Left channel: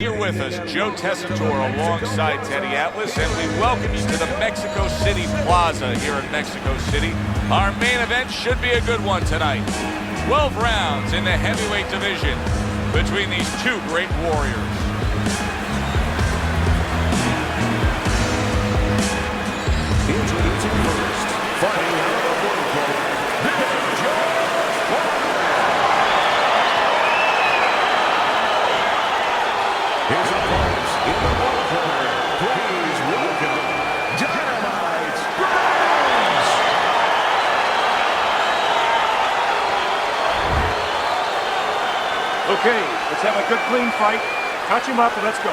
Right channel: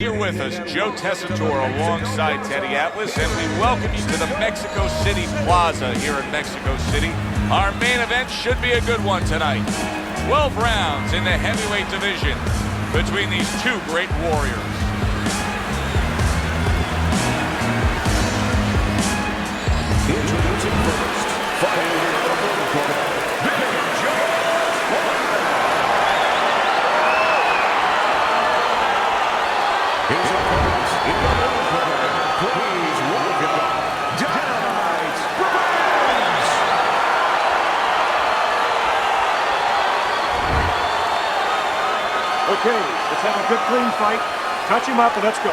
Here with us, Joe Tessitore alongside Teddy Atlas, and we welcome you to the Mexico City Plaza here in Mexico City. Our main event should be a good one tonight. 12 rounds in the heavyweight division between these two great warriors. Introducing first, fighting out of the blue corner, Big George Форман. His opponents in the blue corner, please welcome Dynamite's Brigs. Okay, let's have a good clean fight. Touch him up and let's go.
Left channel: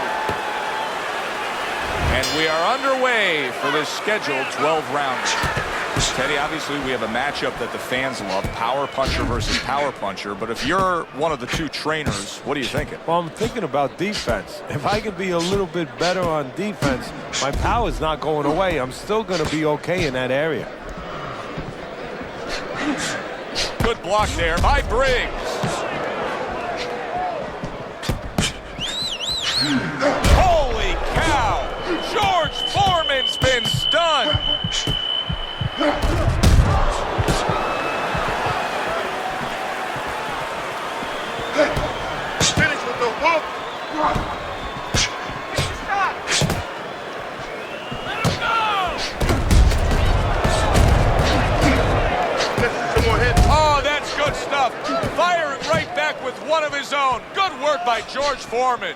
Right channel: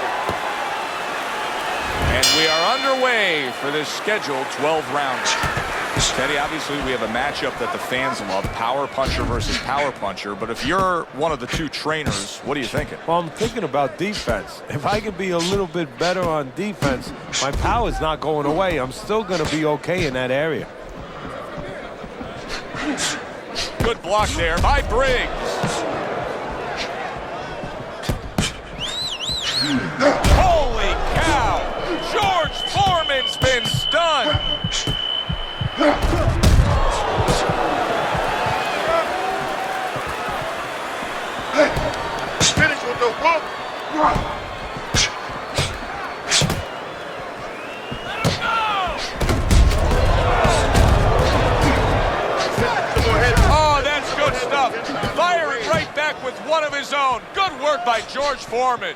And we are underway for this scheduled 12-rounder. Teddy, obviously we have a matchup that the fans love, power puncher versus power puncher, but if you're one of the two trainers, what are you thinking? Well, I'm thinking about defense. If I can be a little bit better on defense, my power's not going away. I'm still going to be okay in that area. Good block there by Briggs. Holy cow! George Foreman's been stunned. Oh, that's good stuff. Firing right back with one of his own. Good work by George Foreman.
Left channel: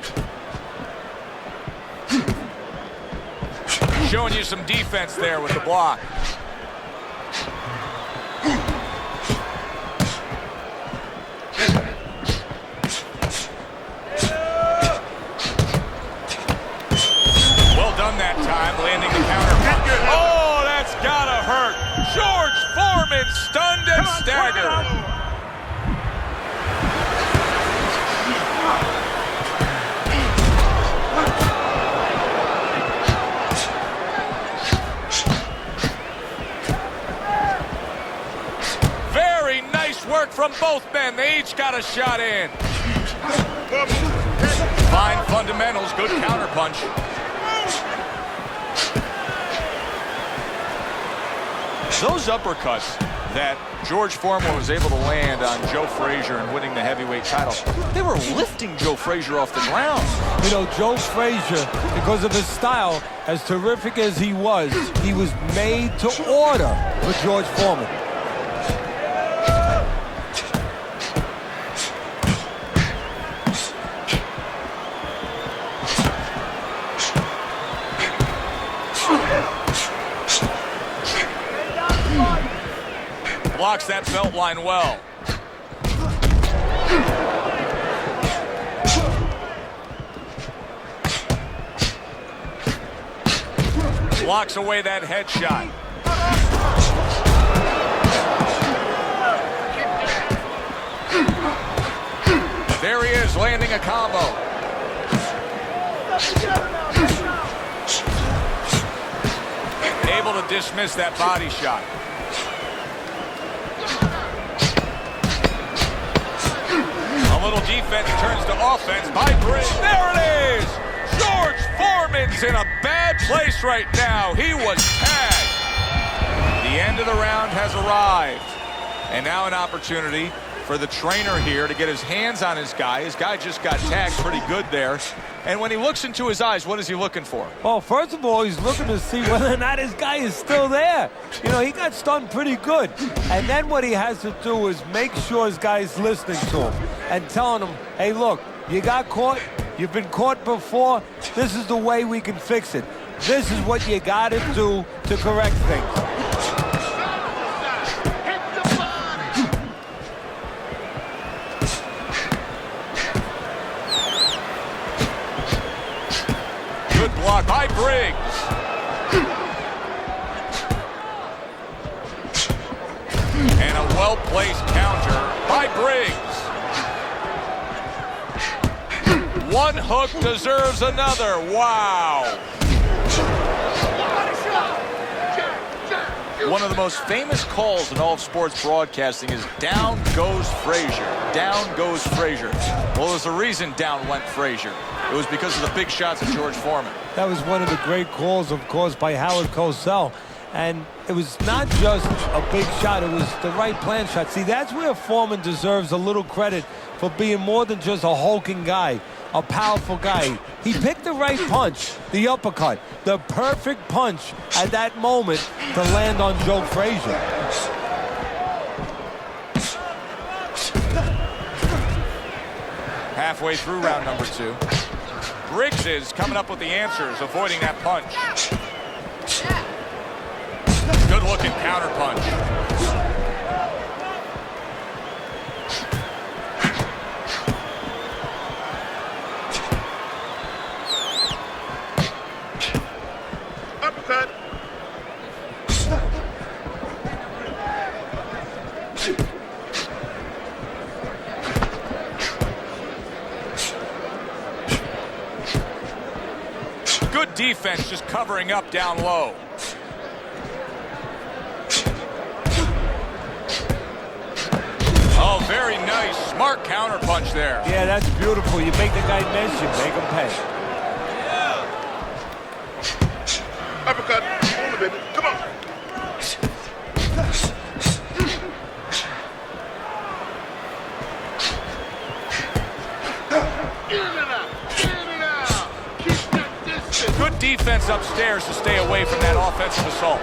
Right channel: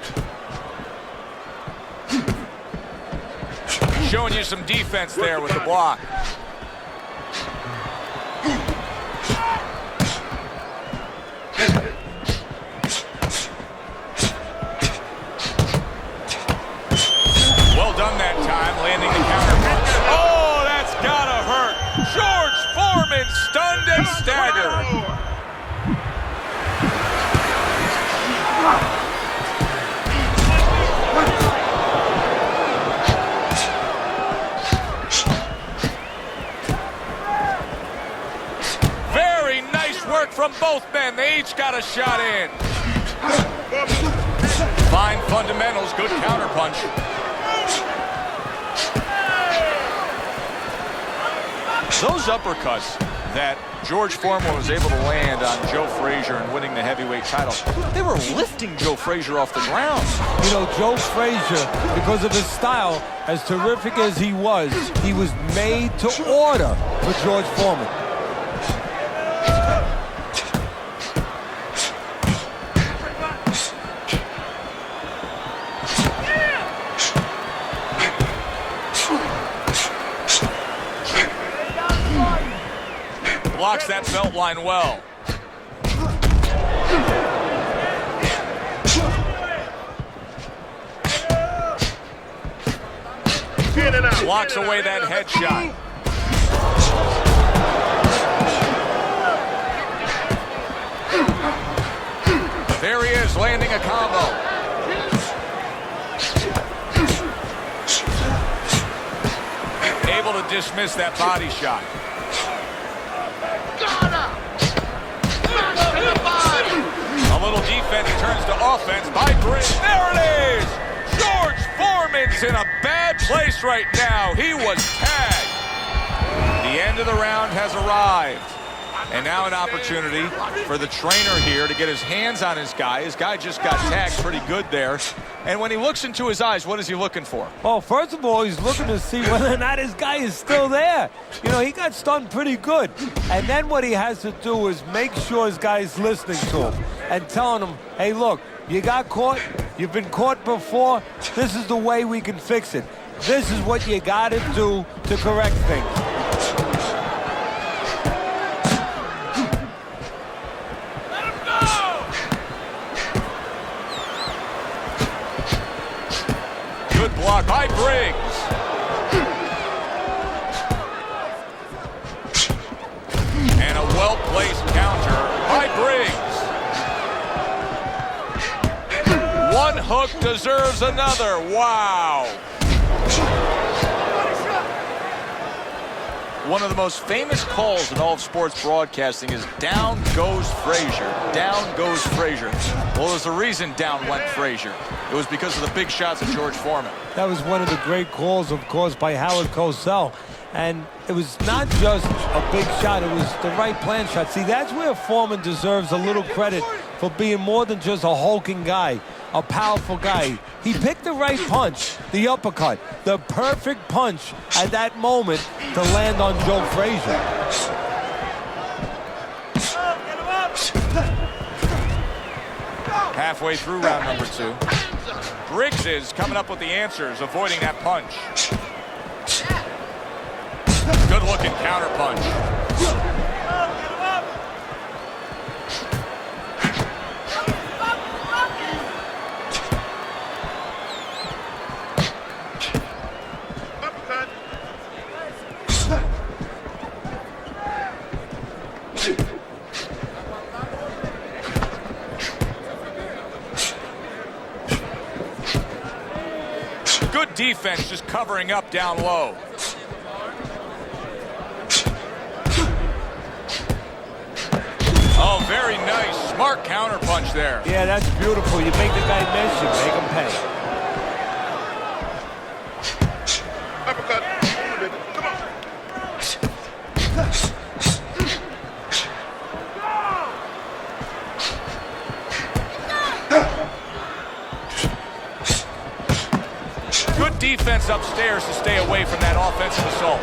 Showing you some defense there with the block. Well done that time, landing the counter punch. Oh, that's gotta hurt. George Foreman stunned and staggered. Very nice work from both men. They each got a shot in. Fine fundamentals, good counterpunch. Those uppercuts that George Foreman was able to land on Joe Frazier and winning the heavyweight title, they were lifting Joe Frazier off the ground. You know, Joe Frazier, because of his style, as terrific as he was made to order for George Foreman. Blocks that belt line well. Blocks away that headshot. There he is, landing a combo. Able to dismiss that body shot. A little defense turns to offense by Briggs. There it is! George Foreman's in a bad place right now. He was tagged. The end of the round has arrived. And now an opportunity for the trainer here to get his hands on his guy. His guy just got tagged pretty good there. And when he looks into his eyes, what is he looking for? Well, first of all, he's looking to see whether or not his guy is still there. You know, he got stunned pretty good. And then what he has to do is make sure his guy's listening to him and telling him, hey, look, you got caught. You've been caught before. This is the way we can fix it. This is what you got to do to correct things. Good block by Briggs. And a well-placed counter by Briggs. One hook deserves another. Wow. One of the most famous calls in all of sports broadcasting is down goes Frazier. Down goes Frazier. Well, there's a reason down went Frazier. it was because of the big shots of George Foreman. That was one of the great calls, of course, by Howard Cosell. And it was not just a big shot, it was the right plan shot. See, that's where Foreman deserves a little credit for being more than just a hulking guy, a powerful guy. He picked the right punch, the uppercut, the perfect punch at that moment to land on Joe Frazier. Halfway through round number 2. Briggs is coming up with the answers, avoiding that punch. Good looking counter punch. Good defense, just covering up down low. Oh, very nice, smart counter punch there. Yeah, that's beautiful. You make the guy miss, you make him pay. Good defense upstairs to stay away from that offensive assault.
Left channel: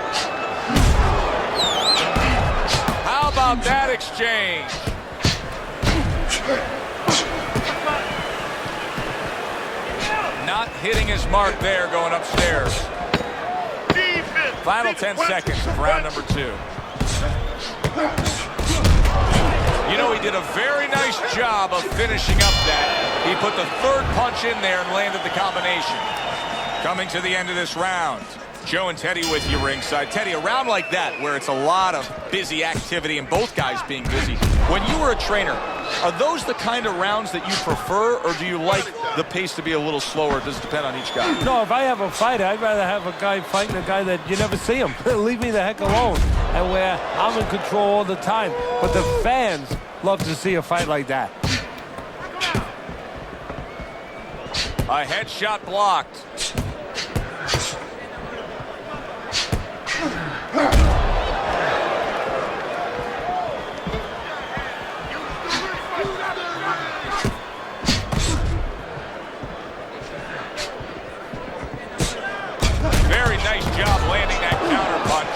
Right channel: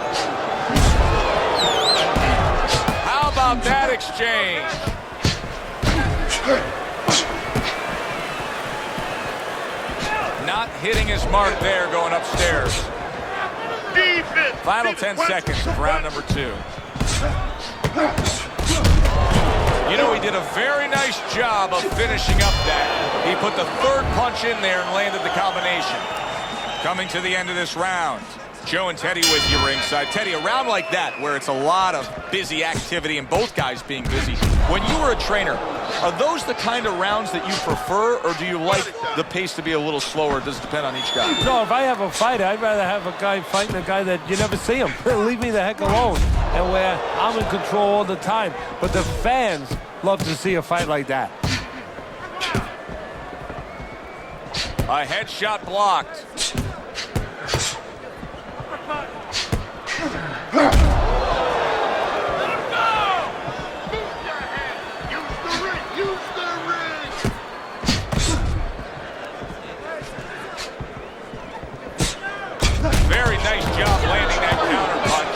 How about that exchange? Not hitting his mark there going upstairs. Final 10 seconds of round number 2. You know, he did a very nice job of finishing up that. He put the third punch in there and landed the combination. Coming to the end of this round, Joe and Teddy with you ringside. Teddy, a round like that where it's a lot of busy activity and both guys being busy. When you were a trainer, are those the kind of rounds that you prefer, or do you like the pace to be a little slower? It does depend on each guy. No, if I have a fighter, I'd rather have a guy fighting a guy that you never see him. Leave me the heck alone. And where I'm in control all the time. But the fans love to see a fight like that. A headshot blocked. Very nice job landing that counter punch,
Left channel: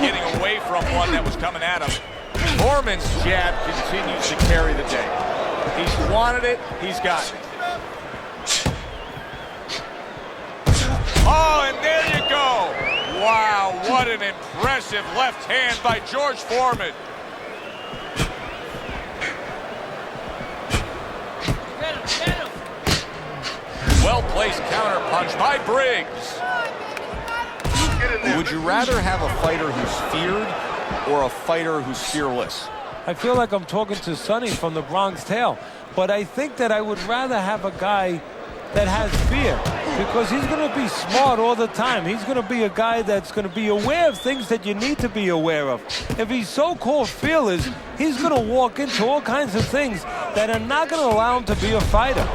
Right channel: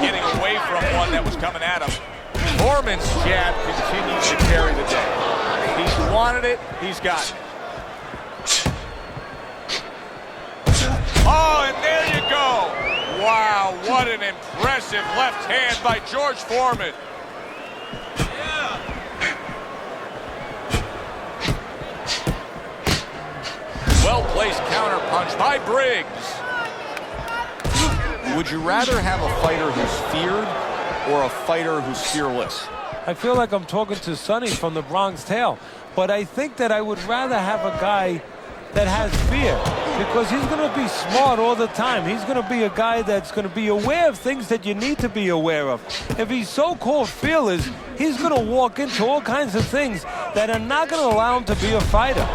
getting away from one that was coming at him. Foreman's jab continues to carry the day. He's wanted it, he's gotten it. Oh, and there you go. Wow, what an impressive left hand by George Foreman. Well-placed counter punch by Briggs. Would you rather have a fighter who's feared or a fighter who's fearless? I feel like I'm talking to Sonny from the Bronx Tale, but I think that I would rather have a guy that has fear, because he's going to be smart all the time. He's going to be a guy that's going to be aware of things that you need to be aware of. If he's so-called fearless, he's going to walk into all kinds of things that are not going to allow him to be a fighter.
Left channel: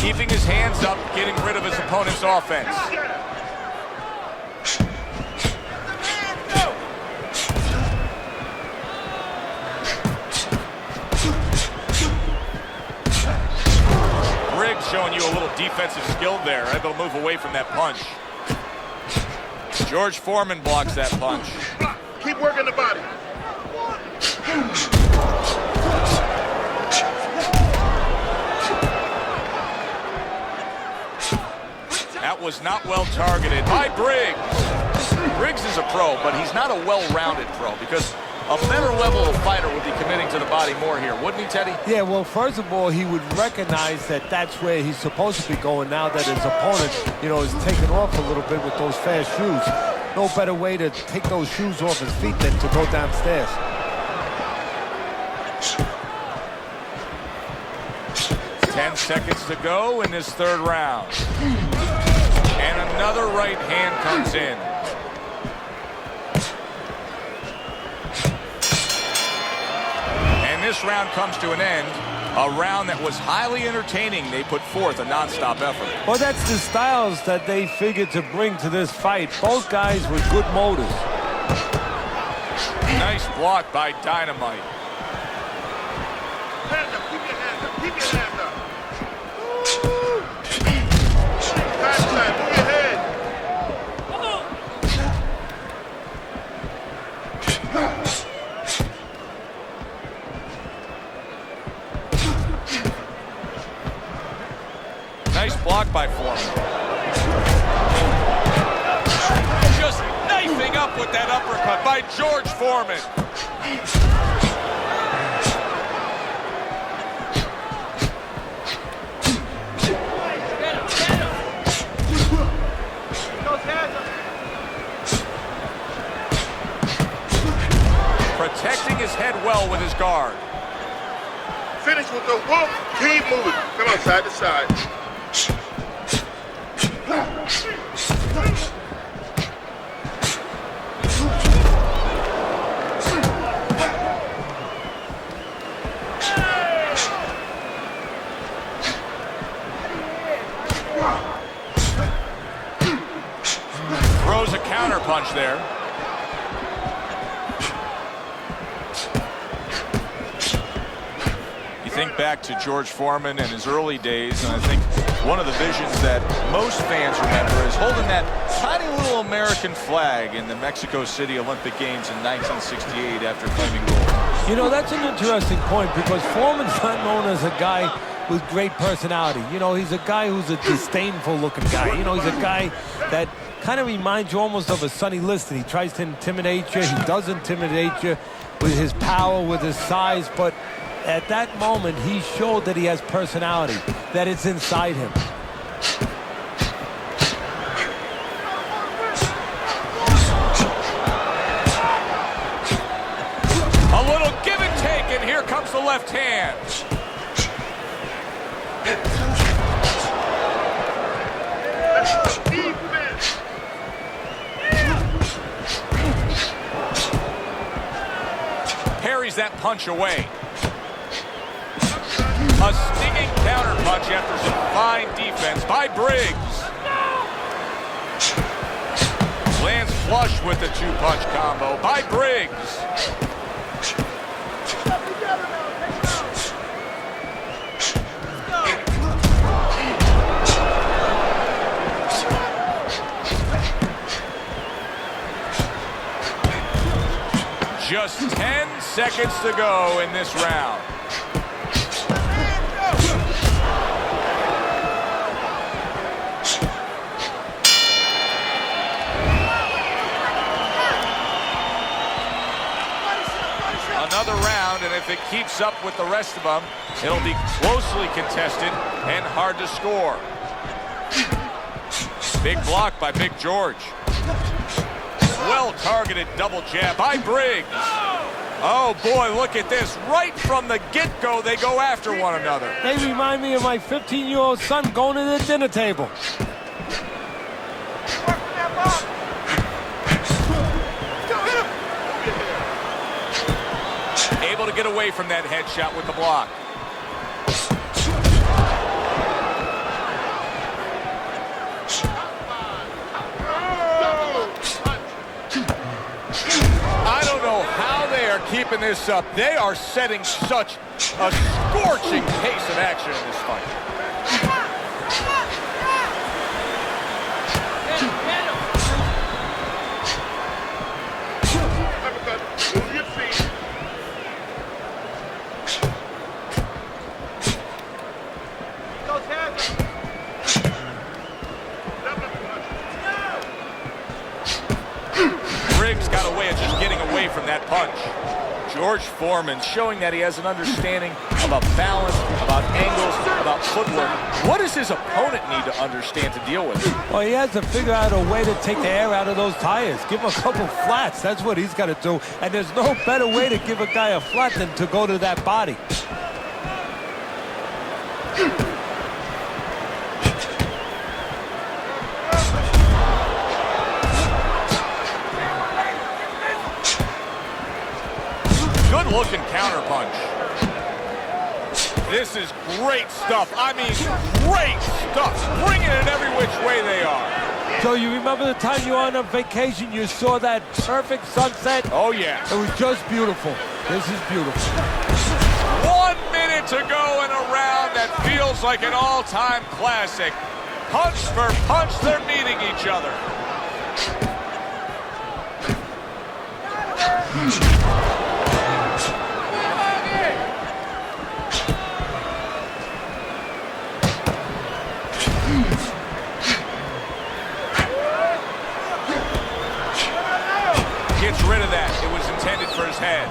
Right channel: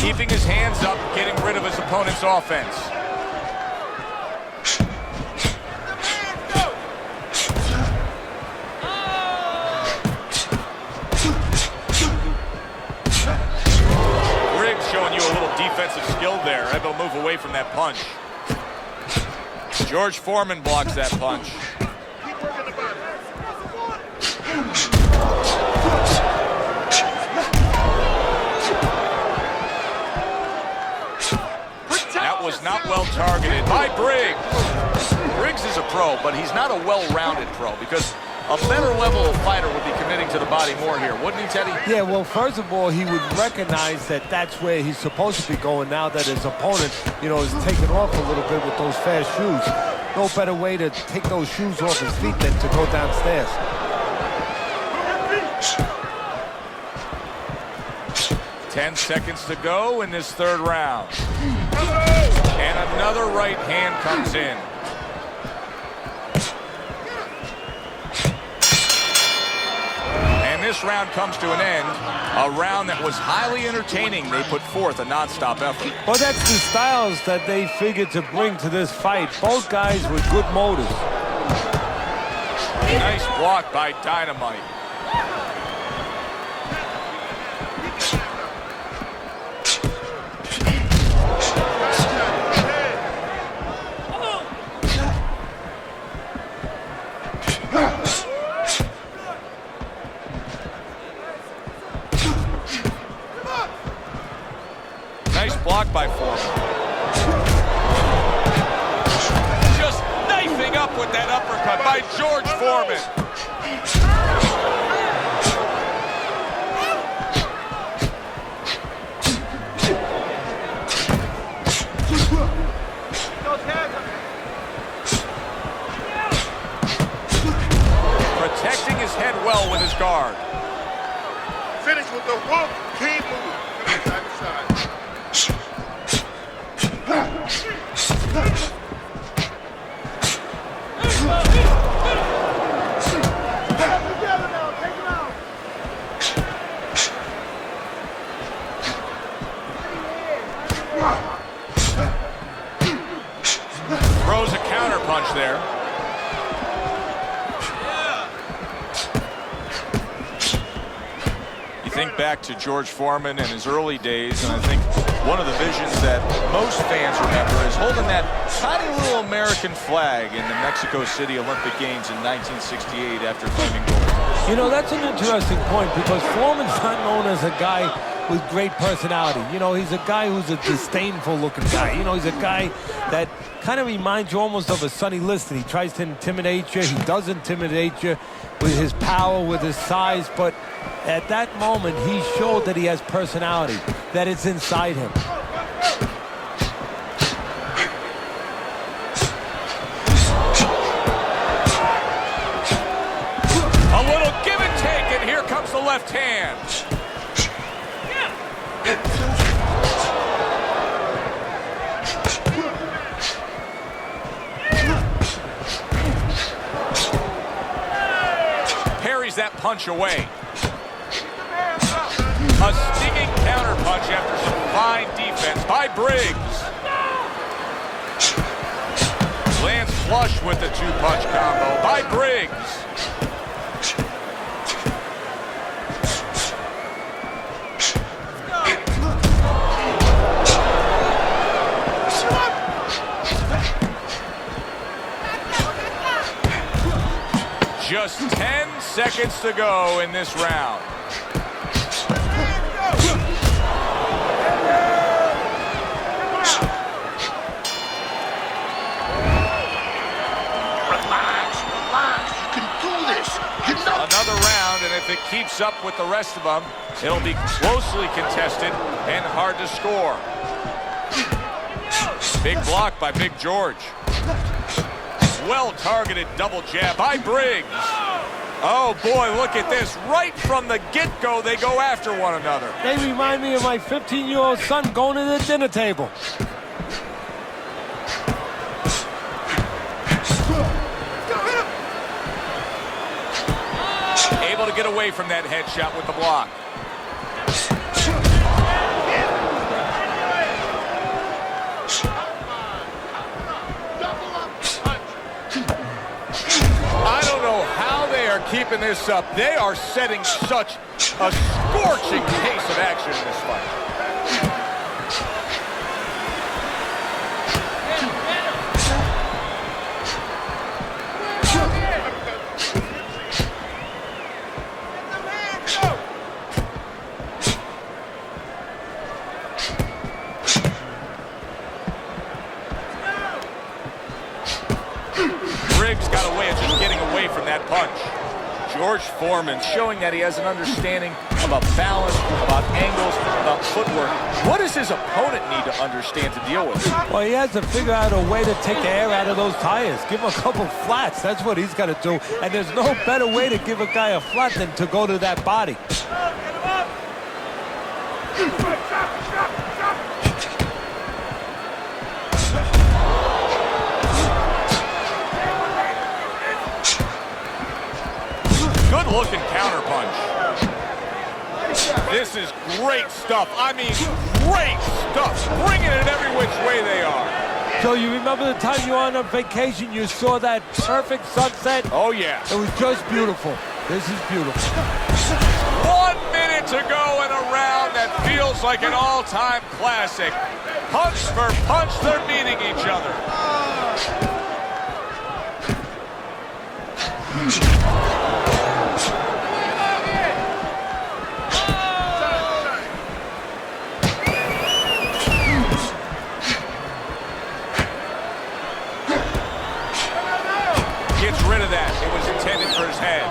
Keeping his hands up, getting rid of his opponent's offense. Briggs showing you a little defensive skill there, able to move away from that punch. George Foreman blocks that punch. Keep working the body. That was not well targeted by Briggs. Briggs is a pro, but he's not a well-rounded pro, because a better level of fighter would be committing to the body more here, wouldn't he, Teddy? Yeah, well, first of all, he would recognize that that's where he's supposed to be going now that his opponent, you know, is taking off a little bit with those fast shoes. No better way to take those shoes off his feet than to go downstairs. Ten 10 seconds to go in this third round. And another right hand comes in. And this round comes to an end. A round that was highly entertaining. They put forth a nonstop effort. Well, that's the styles that they figured to bring to this fight. Both guys with good motors. Nice block by Dynamite. Nice block by Форман. Just knifing up with that uppercut by George Foreman. Protecting his head well with his guard. Finish with the whoop. Keep moving. Come on, side to side. Throws a counter punch there. You think back to George Foreman and his early days, and I think one of the visions that most fans remember is holding that tiny little American flag in the Mexico City Olympic Games in 1968 after claiming gold. You know, that's an interesting point because Foreman's not known as a guy with great personality. You know, he's a guy who's a disdainful looking guy. You know, he's a guy that kind of reminds you almost of a Sonny Liston. He tries to intimidate you. He does intimidate you with his power, with his size, but at that moment, he showed that he has personality, that it's inside him. A little give and take, and here comes the left hand. Parries that punch away. A stinging counter punch after some fine defense by Briggs. Lands flush with the two-punch combo by Briggs. Just 10 seconds to go in this round. Another round, and if it keeps up with the rest of them, it'll be closely contested and hard to score. Big block by Big George. Well-targeted double jab by Briggs. Oh, boy, look at this. Right from the get-go, they go after one another. They remind me of my 15-year-old son going to the dinner table. Able to get away from that headshot with the block. I don't know how they are keeping this up. They are setting such a scorching pace of action in this fight. Briggs got a way of just getting away from that punch. George Foreman showing that he has an understanding about balance, about angles, about footwork. What does his opponent need to understand to deal with? Well, he has to figure out a way to take the air out of those tires. Give him a couple flats. That's what he's got to do. And there's no better way to give a guy a flat than to go to that body. looking counterpunch. This is great stuff. I mean, great stuff. Bringing it every which way they are. Joe, you remember the time you were on a vacation, you saw that perfect sunset? Oh, yeah. It was just beautiful. This is beautiful. 1 minute to go in a round that feels like an all-time classic. Punch for punch, they're meeting each other. Gets rid of that. It was intended for his head.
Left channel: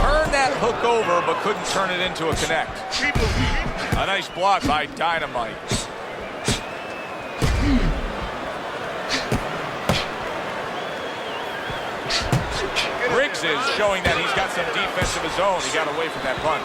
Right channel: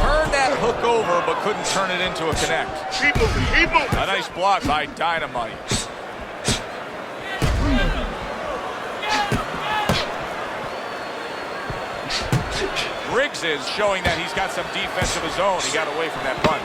Turned that hook over, but couldn't turn it into a connect. A nice block by Dynamite. Briggs is showing that he's got some defense of his own. He got away from that punch.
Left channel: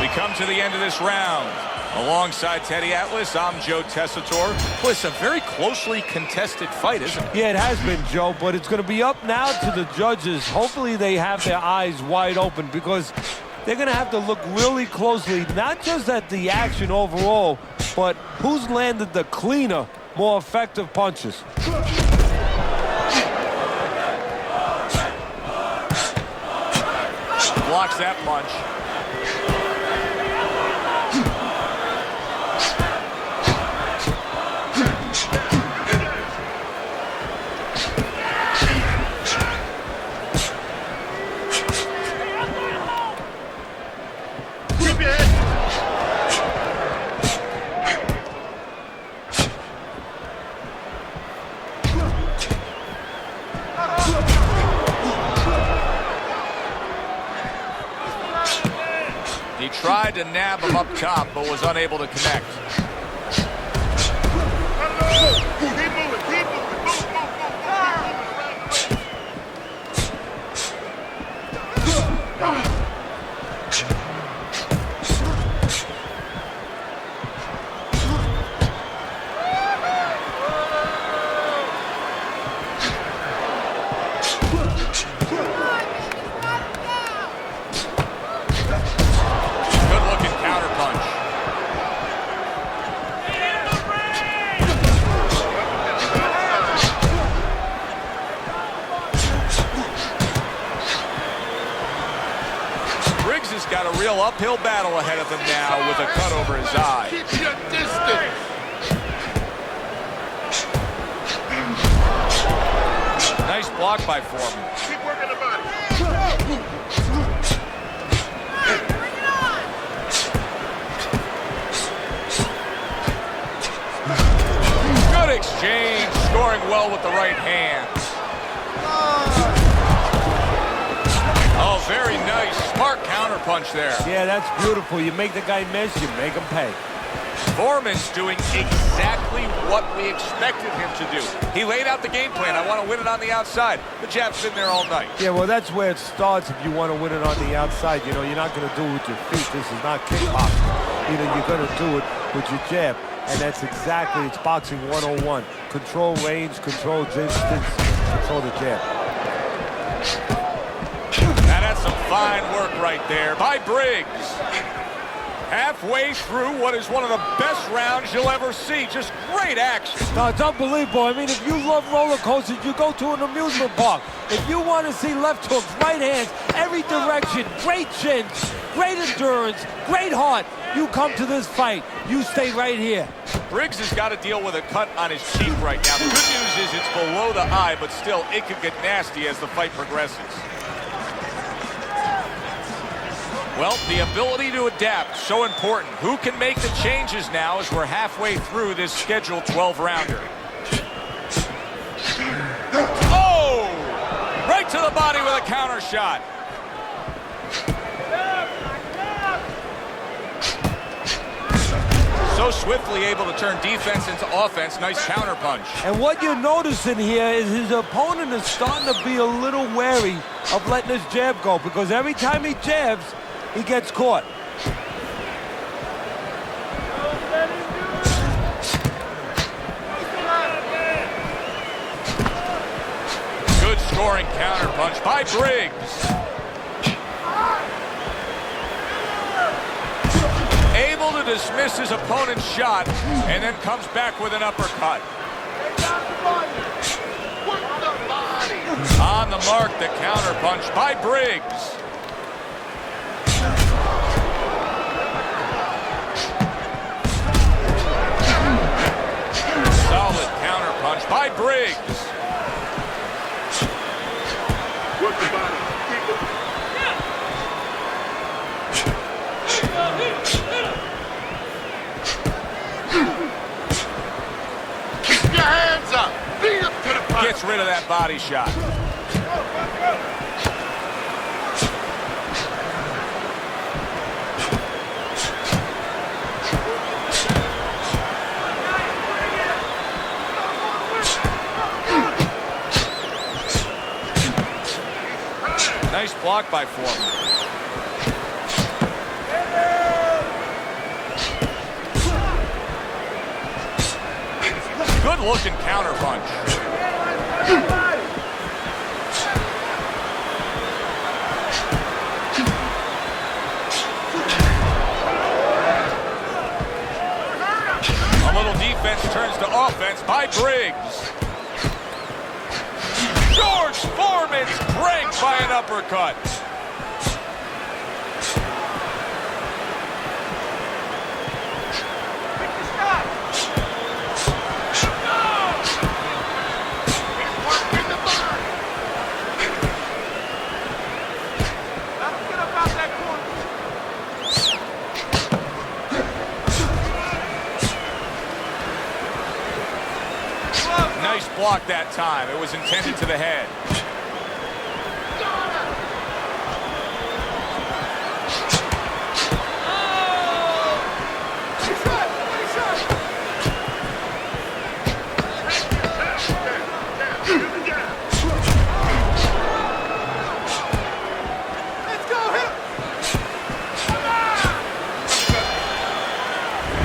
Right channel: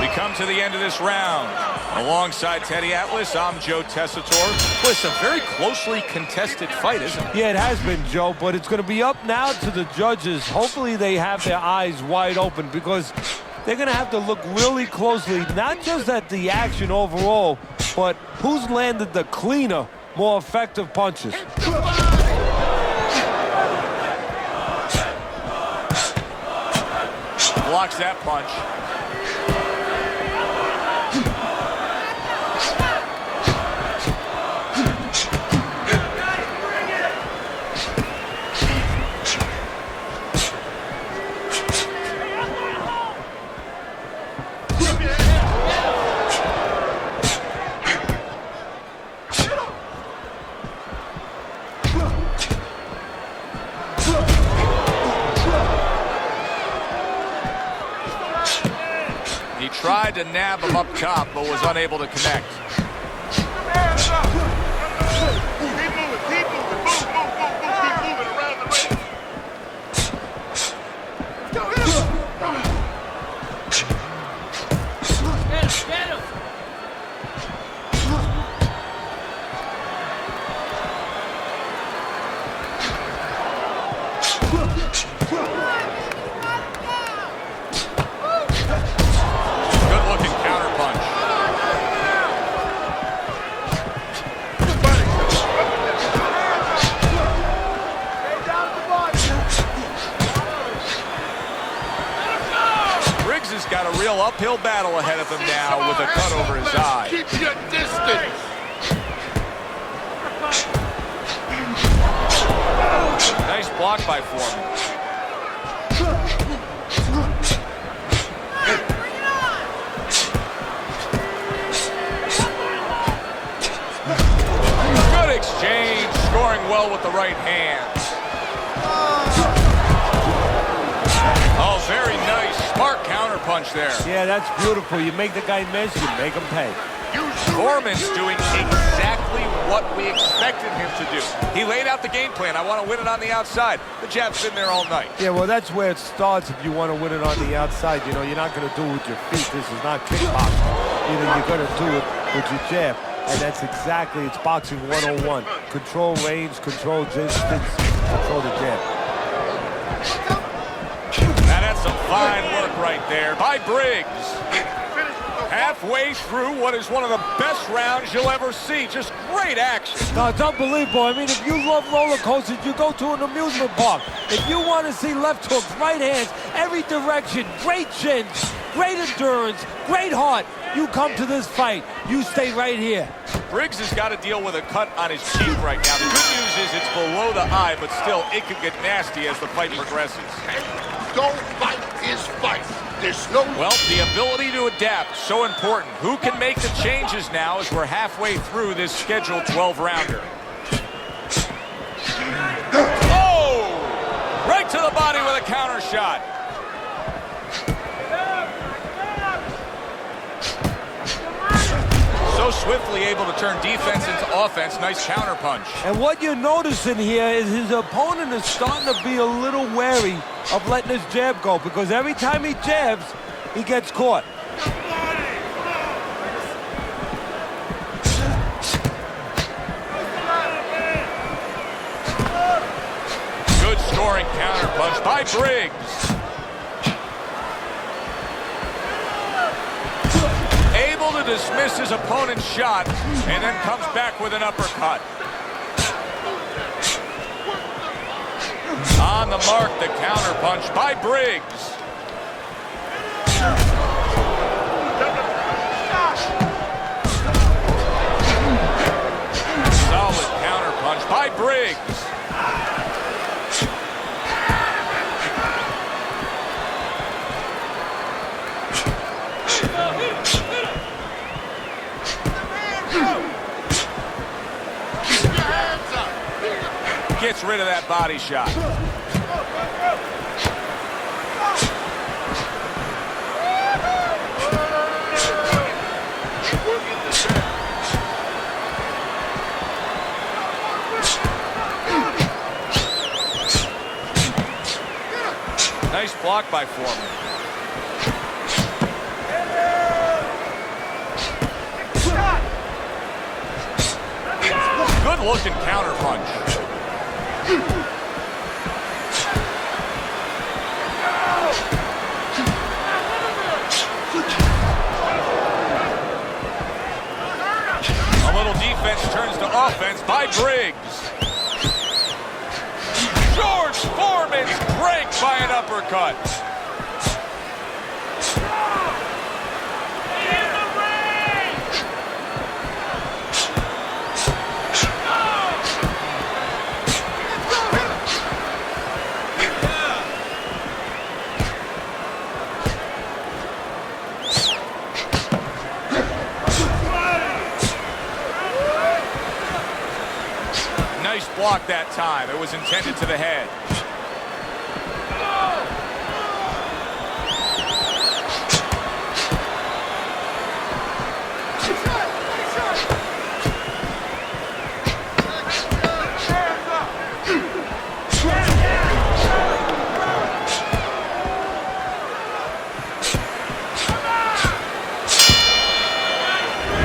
We come to the end of this round. Alongside Teddy Atlas, I'm Joe Tessitore. Well, it's a very closely contested fight, isn't it? Yeah, it has been, Joe, but it's going to be up now to the judges. Hopefully they have their eyes wide open because they're going to have to look really closely, not just at the action overall, but who's landed the cleaner, more effective punches. Blocks that punch. He tried to nab him up top, but was unable to connect. Good-looking counterpunch. Briggs has got a real uphill battle ahead of him now with a cut over his eye. Nice block by Foreman. Good exchange, scoring well with the right hands. Oh, very nice. Smart counterpunch there. Yeah, that's beautiful. You make the guy miss, you make him pay. Foreman's doing exactly what we expected him to do. He laid out the game plan. I want to win it on the outside. The jab's been there all night. Yeah, well, that's where it starts if you want to win it on the outside. You know, you're not going to do it with your feet. This is not kickboxing. You know, you're going to do it with your jab. And that's exactly, it's boxing 101. Control range, control distance, control the jab. Now that's some fine work right there by Briggs. Halfway through what is one of the best rounds you'll ever see. Just great action. No, it's unbelievable. I mean, if you love roller coasters, you go to an amusement park. If you want to see left hooks, right hands, every direction, great chins, great endurance, great heart, you come to this fight. You stay right here. Briggs has got to deal with a cut on his cheek right now. The good news is it's below the eye, but still, it could get nasty as the fight progresses. Don't fight this fight. Well, the ability to adapt, so important. Who can make the changes now as we're halfway through this scheduled 12-rounder? Oh! Right to the body with a counter shot. So swiftly able to turn defense into offense. Nice counterpunch. And what you're noticing here is his opponent is starting to be a little wary of letting his jab go, because every time he jabs, he gets caught. Good scoring counterpunch by Briggs. Able to dismiss his opponent's shot and then comes back with an uppercut. On the mark, the counterpunch by Briggs. Solid counterpunch by Briggs. Gets rid of that body shot. Nice block by Форман. Good looking counterpunch. A little defense turns to offense by Briggs. George Foreman's pranked by an uppercut. Nice block that time. It was intended to the head.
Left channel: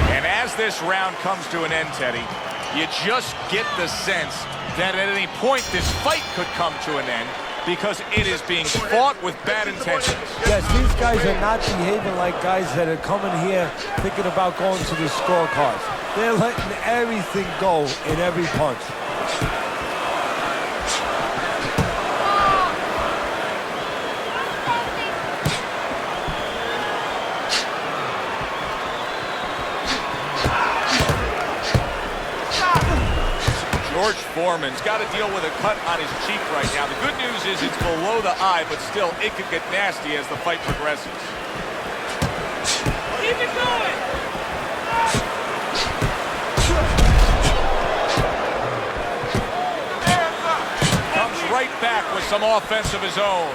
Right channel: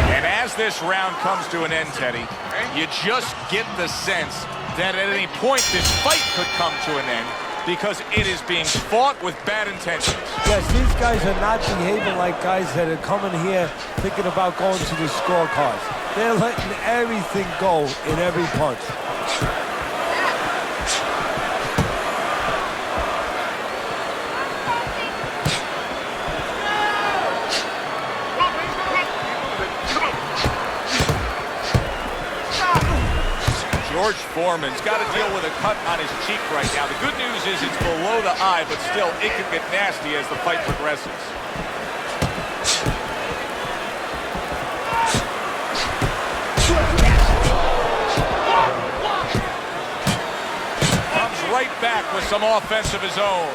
And as this round comes to an end, Teddy, you just get the sense that at any point this fight could come to an end, because it is being fought with bad intentions. Yes, these guys are not behaving like guys that are coming here thinking about going to the scorecards. They're letting everything go in every punch. George Foreman's got to deal with a cut on his cheek right now. The good news is it's below the eye, but still, it could get nasty as the fight progresses. Comes right back with some offense of his own.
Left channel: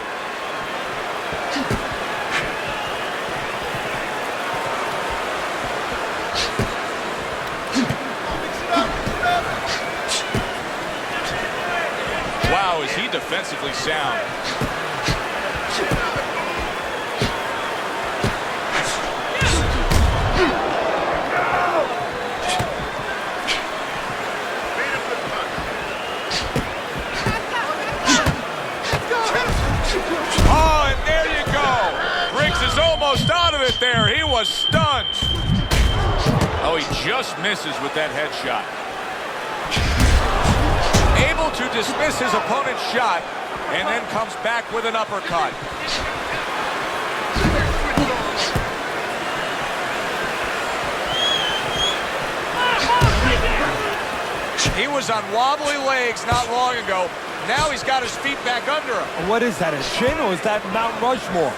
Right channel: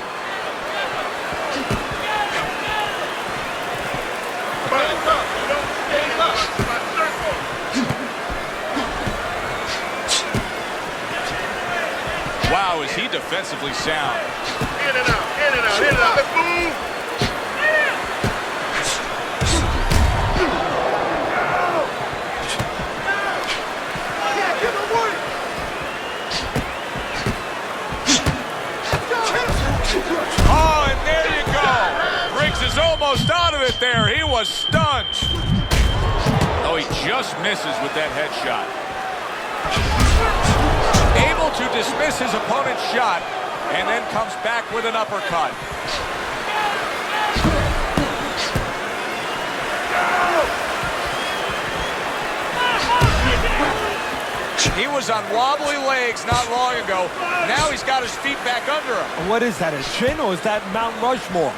Wow, is he defensively sound. Oh, and there you go. Briggs is almost out of it there. He was stunned. Oh, he just misses with that headshot. Able to dismiss his opponent's shot, and then comes back with an uppercut. He was on wobbly legs not long ago. Now he's got his feet back under him. What is that, a chin, or is that Mount Rushmore?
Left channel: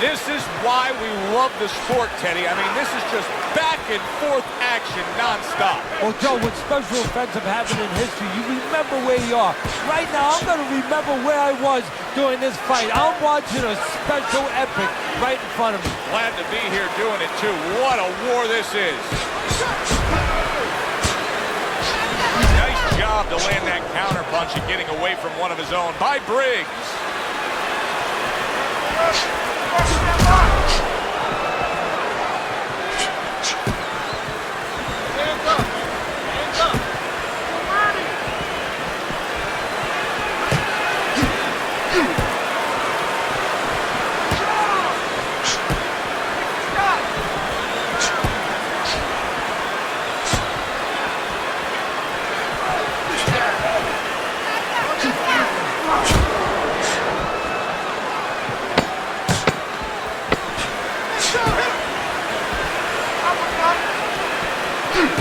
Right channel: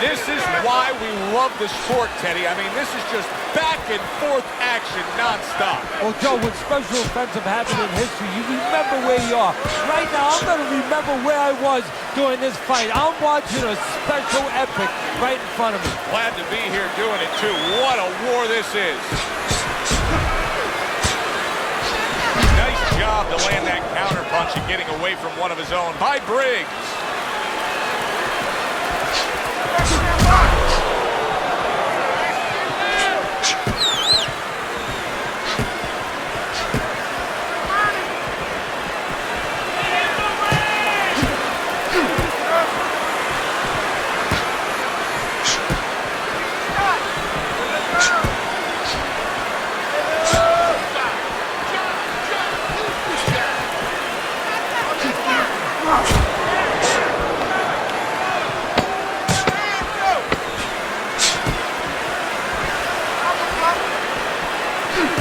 This is why we love the sport, Teddy. I mean, this is just back and forth action nonstop. Well, Joe, when special events have happened in history, you remember where you are. Right now, I'm going to remember where I was during this fight. I'm watching a special epic right in front of me. Glad to be here doing it, too. What a war this is. Nice job to land that counter punch and getting away from one of his own by Briggs.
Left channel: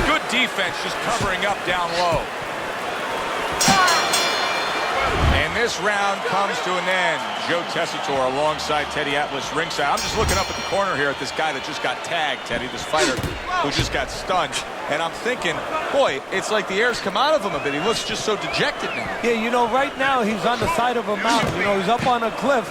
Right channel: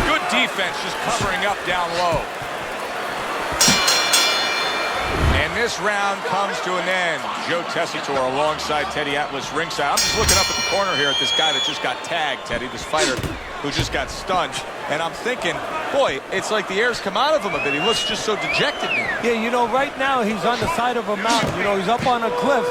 Good defense, just covering up down low. And this round comes to an end. Joe Tessitore alongside Teddy Atlas ringside. I'm just looking up at the corner here at this guy that just got tagged, Teddy, this fighter who just got stunned. And I'm thinking, boy, it's like the air's come out of him a bit. He looks just so dejected now. Yeah, you know, right now he's on the side of a mountain. You know, he's up on a cliff,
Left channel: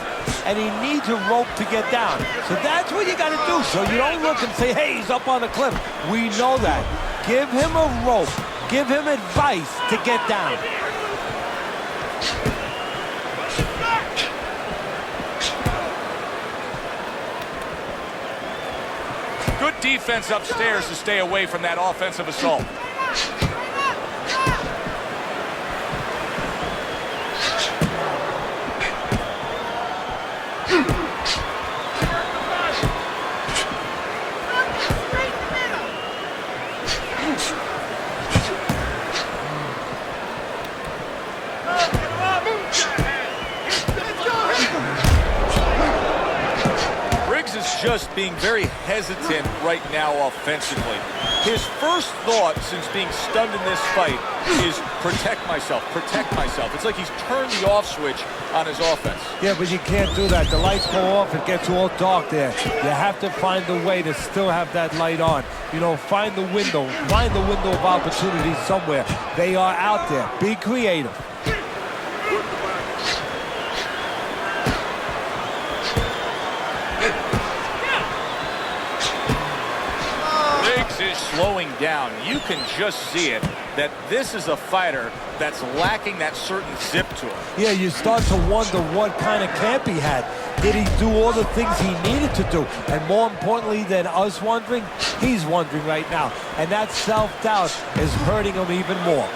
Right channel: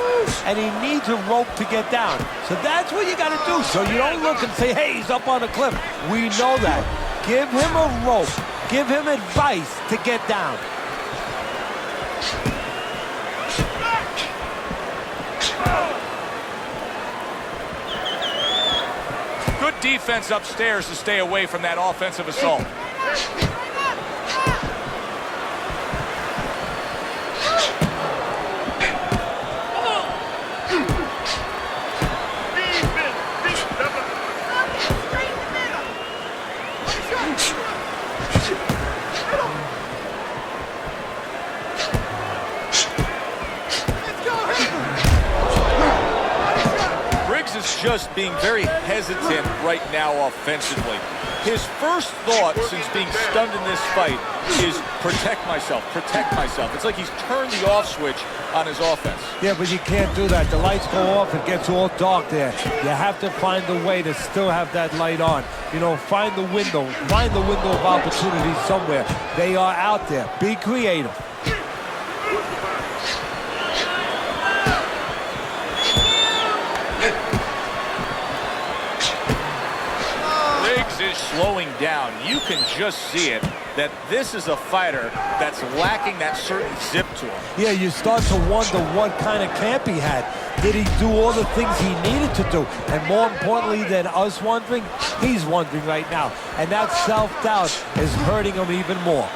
and he needs a rope to get down. So that's what you got to do. So you don't look and say, hey, he's up on a cliff. We know that. Give him a rope. Give him advice to get down. Good defense upstairs to stay away from that offensive assault. Briggs is just being very hesitant right now offensively. His first thought since being stunned in this fight is protect myself, protect myself. It's like he's turned the off switch on his offense. Yeah, but you can't do that. The lights go off, it gets all dark there. You have to find a way to still have that light on. You know, find the window of opportunity somewhere. They are out there. Be creative. Briggs is slowing down. You can just see it, that this is a fighter that's lacking that certain zip to him. Yeah, you start to wonder what kind of camp he had. Did he do all the things he needed to do? And more importantly than us wondering, he's wondering right now. And that self-doubt is hurting him even more.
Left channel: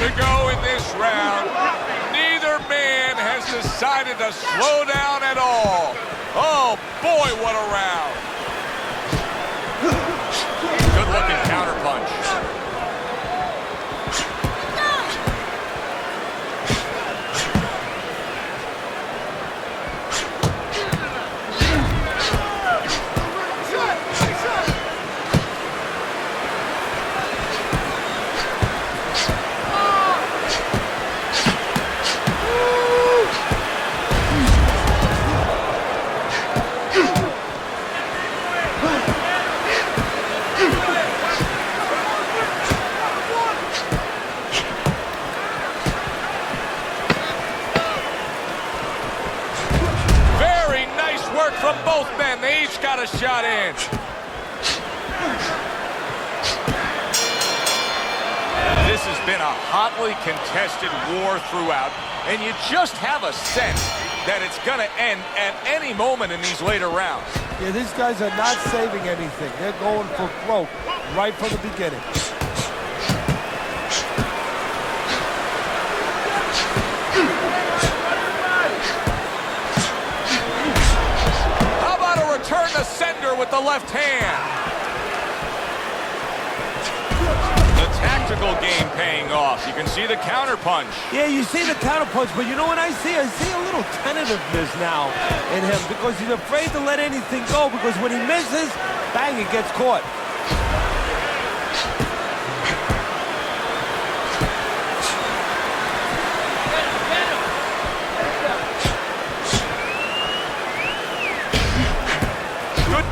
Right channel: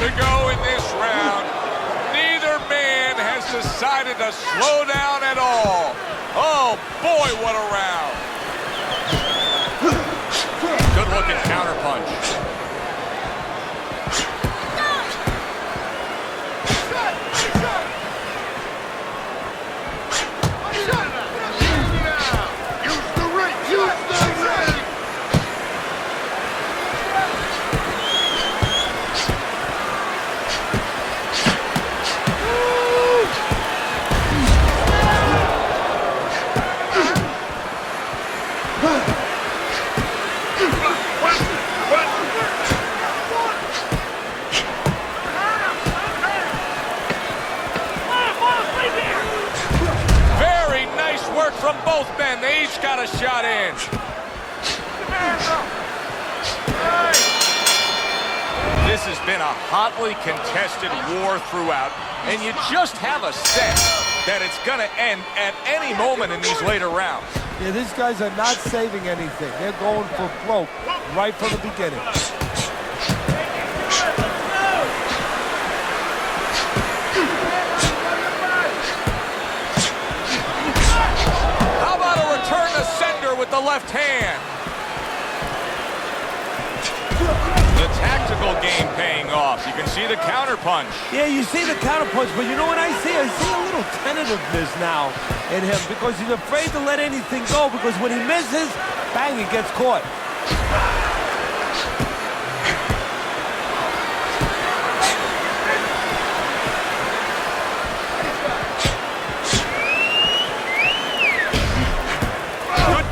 To go in this round. Neither man has decided to slow down at all. Oh boy, what a round. Good looking counter punch. Work from both men. They each got a shot in. This has been a hotly contested war throughout, and you just have a sense that it's going to end at any moment in these later rounds. Yeah, these guys are not saving anything. They're going for broke right from the beginning. Turn the sender with the left hand. The tactical game paying off. You can see the counter punch. Yeah, you see the counter punch, but you know what I see? I see a little tentativeness now in him because he's afraid to let anything go because when he misses, bang, he gets caught.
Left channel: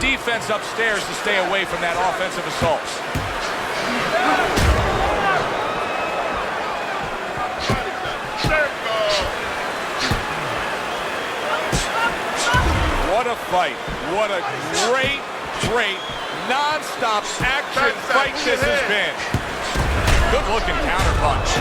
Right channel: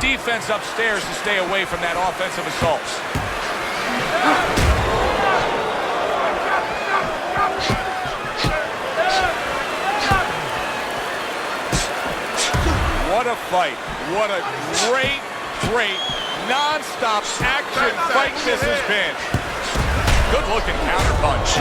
Defense offense upstairs to stay away from that offensive assault. What a fight. What a great, great, non-stop action fight this has been. Good-looking counterpunch.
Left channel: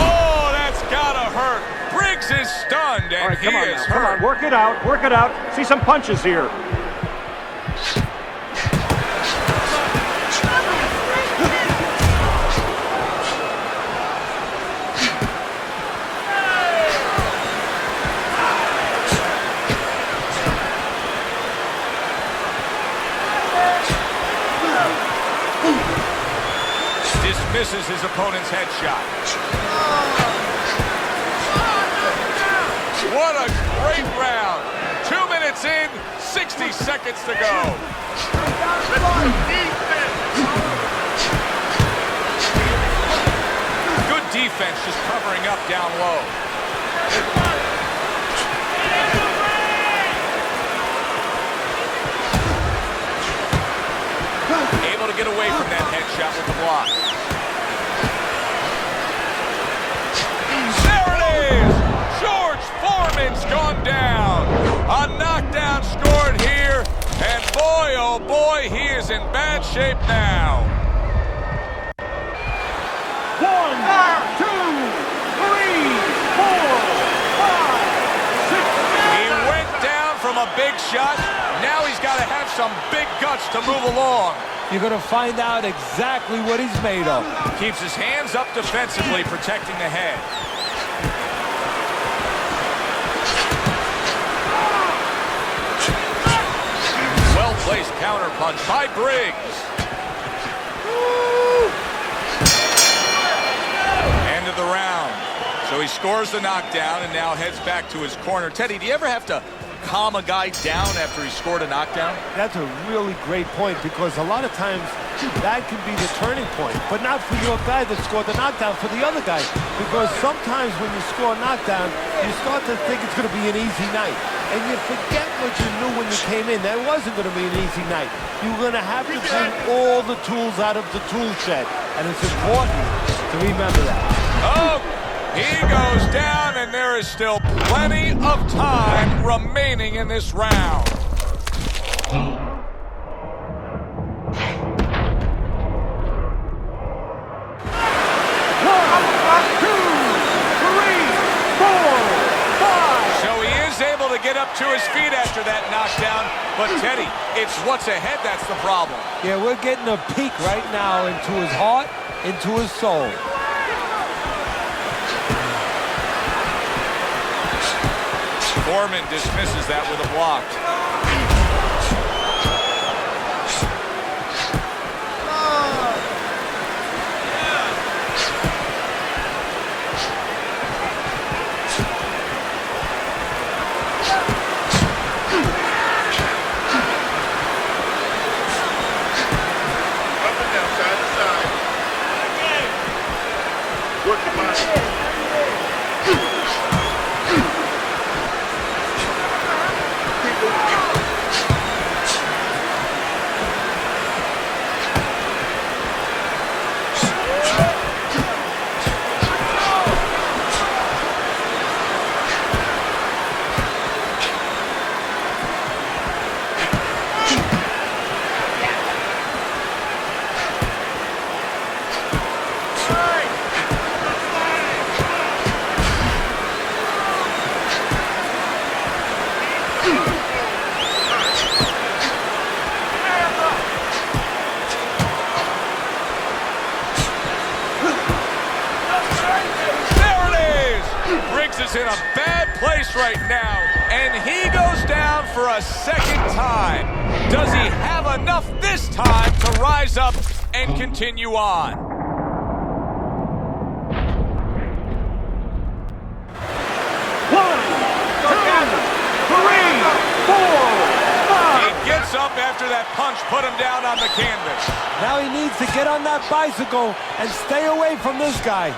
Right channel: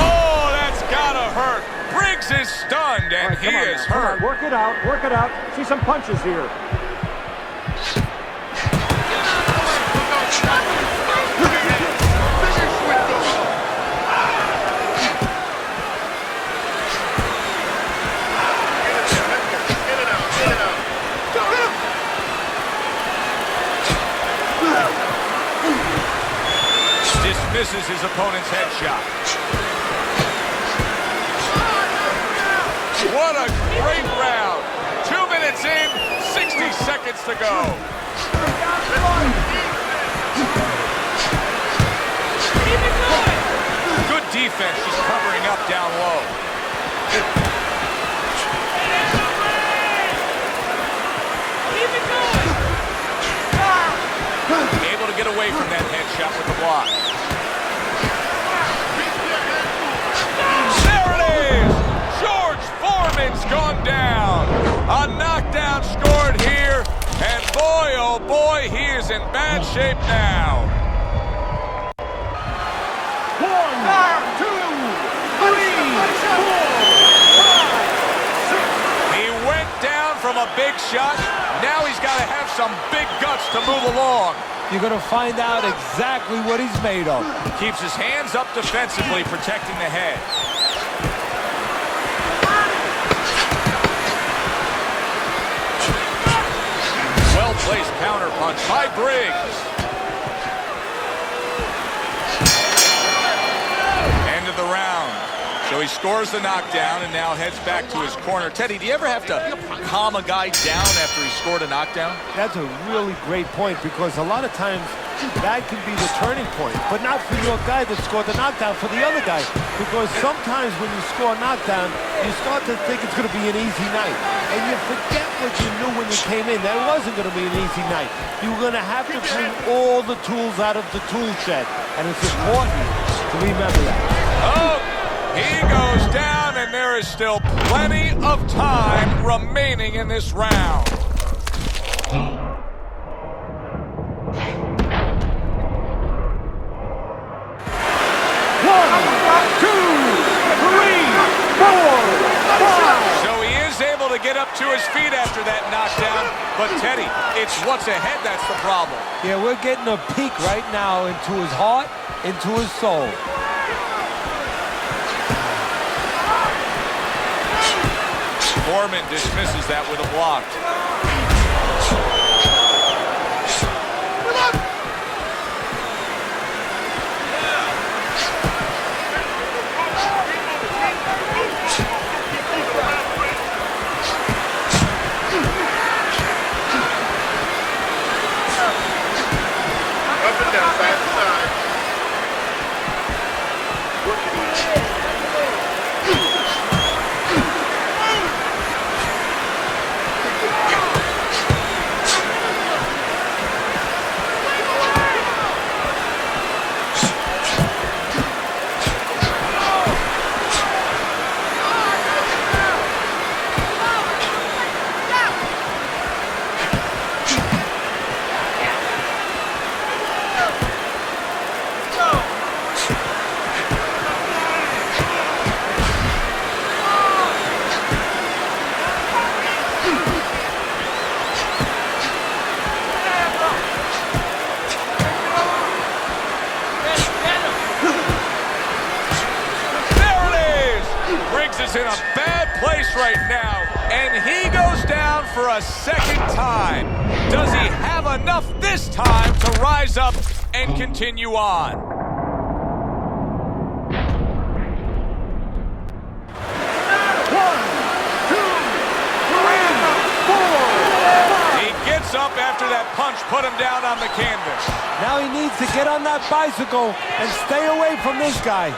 Oh, that's gotta hurt. Briggs is stunned, and Right, he is come hurt. on, work it out, work it out. See some punches here. Dismisses his opponent's headshot. What a great round. 2 minutes in, 60 seconds to go. Good defense, just covering up down low. Able to get away from that headshot with the block. There it is! George Foreman's gone down. A knockdown scored here, and boy, oh boy, he is in bad shape now. 1, 2, 3, 4, 5, 6. He went down from a big shot. Now he's got to have some big guts to move along. You're going to find out exactly what he's made of. Keeps his hands up defensively, protecting the head. Well-placed counterpunch by Briggs. End of the round. So he scores the knockdown and now heads back to his corner. Teddy, do you ever have to calm a guy down after he scored a knockdown? That's a really great point, because a lot of times that can be the turning point, but not for your guy that scored the knockdown, for the other guy. Because sometimes when you score a knockdown, you start to think it's going to be an easy night. And you forget what you knew when you came in. That wasn't going to be an easy night. You're going to have to bring all the tools out of the tool shed. And it's important to remember that. Oh, he goes down, and there is still plenty of time remaining in this round. Able to get up to his feet after that knockdown, but Teddy, it's what's ahead that's the problem. Yeah, we're getting a peek right now into his heart, into his soul. Foreman dismisses that with a block. Briggs is in a bad place right now, and he goes down for a second time. Does he have enough this time to rise up and continue on? One, two, three, four, five. up after that punch put him down on the canvas. Now he needs to get on that bicycle and stay away from this guy.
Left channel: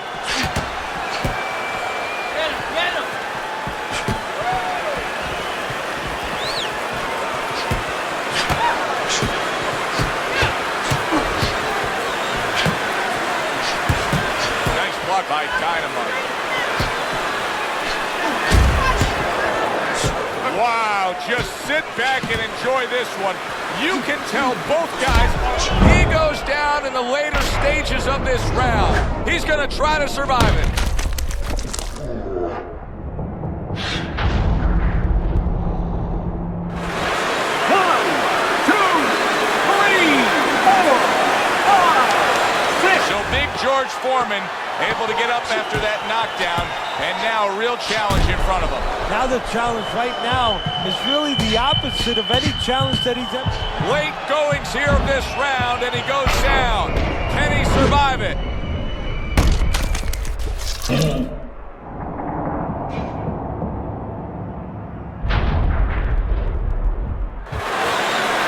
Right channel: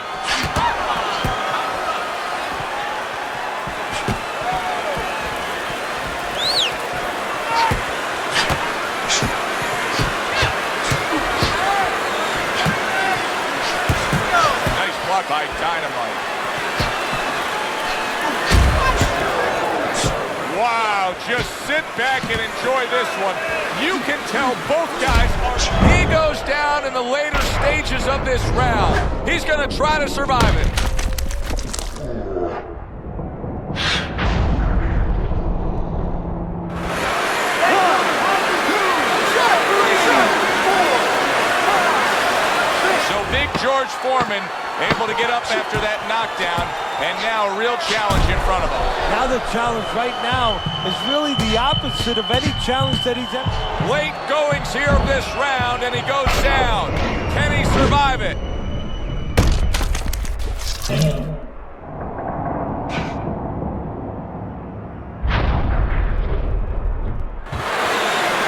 Nice block by Dynamite. Wow, just sit back and enjoy this one. You can tell both guys are... He goes down in the later stages of this round. He's going to try to survive it. So Big George Foreman able to get up after that knockdown, and now a real challenge in front of him. Now the challenge right now is really the opposite of any challenge that he's ever... Late goings here of this round, and he goes down. Can he survive it?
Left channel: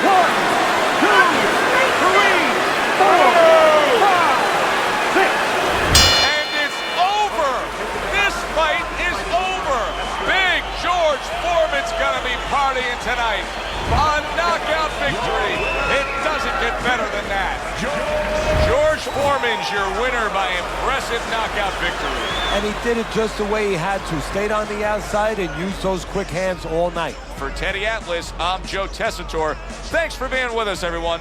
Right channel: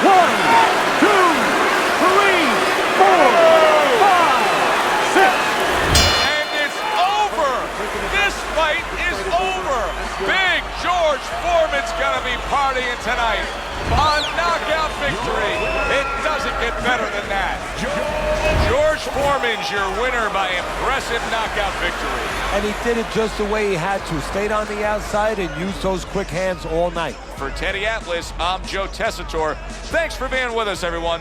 One, two, three, four, five, six. And it's over. This fight is over. Big George Foreman's gonna be partying tonight. A knockout victory. It doesn't get better than that. George Foreman's your winner by impressive knockout victory. And he did it just the way he had to. Stayed on the outside and used those quick hands all night. For Teddy Atlas, I'm Joe Tessitore. Thanks for being with us, everyone.